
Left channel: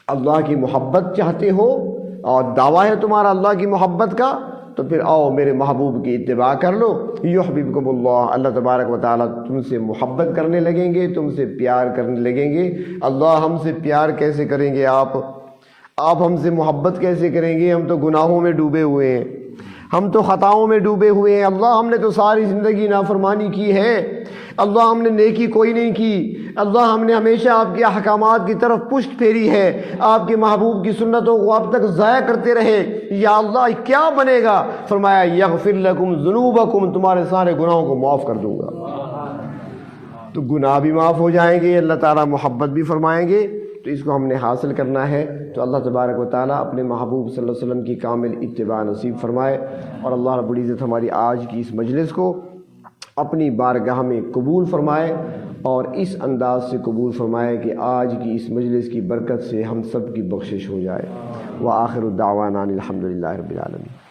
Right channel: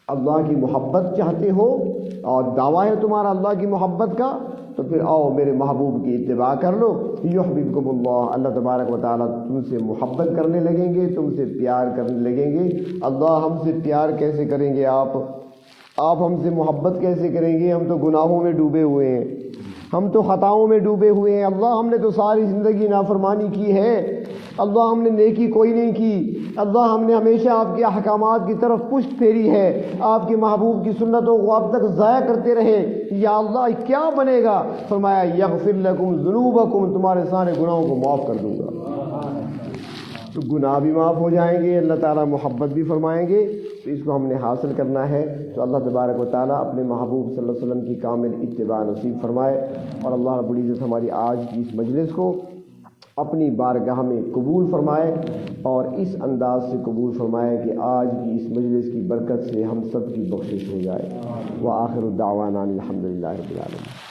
اللہ کی محبت چاہتے ہو اور دعویٰ ہے تمہارا اللہ کی محبت کا، تو پھر آؤ میرے محبوب کی اتباع کر لو. یحببکم اللہ، اللہ تبارک و تعالیٰ تم سے محبت کرنے لگیں گے، تم سے پیار کرنے لگیں گے. اللہ ہم سے پیار کیسے کریں گے؟ آپ ہم سے محبت کیسے کریں گے؟ ہم تو گناہوں میں ڈوبے ہوئے ہیں، ہم تو خطاؤں میں ڈوبے ہوئے ہیں. اللہ ہم نے تو ساری زندگی نافرمانی کی ہے، اللہ ہم نے نیکی کوئی نہیں کی. اللہ ہم نے ہمیشہ آپ کے احکامات کی طرف پشت پھیری ہے، آپ کے محبوب کی سنتوں کو اب تک ضائع کرتے رہے، یا اللہ کیا بنے گا؟ فرمایا یغفر لکم ذنوبکم، تمہارے سارے گناہوں کو معاف کر دوں گا۔ تو گناہ بھی معاف ہو جائیں گے، اللہ تعالیٰ محبت بھی فرمائیں گے۔ تو اس کو ہم نے حاصل کرنا ہے، تو اللہ تبارک و تعالیٰ اپنے محبوب صلی اللہ علیہ وسلم کی کامل اتباع نصیب فرمائے، اور اللہ رب العزت ہماری آج کی اس مجلس کو اپنی بارگاہ میں قبول فرمائے، اور اس انداز سے قبول فرمائے کہ آج کی اس مجلس کی برکت سے ہم سب کی بخشش ہو جائے۔ وآخر الدعوانا الحمدللہ رب العالمین۔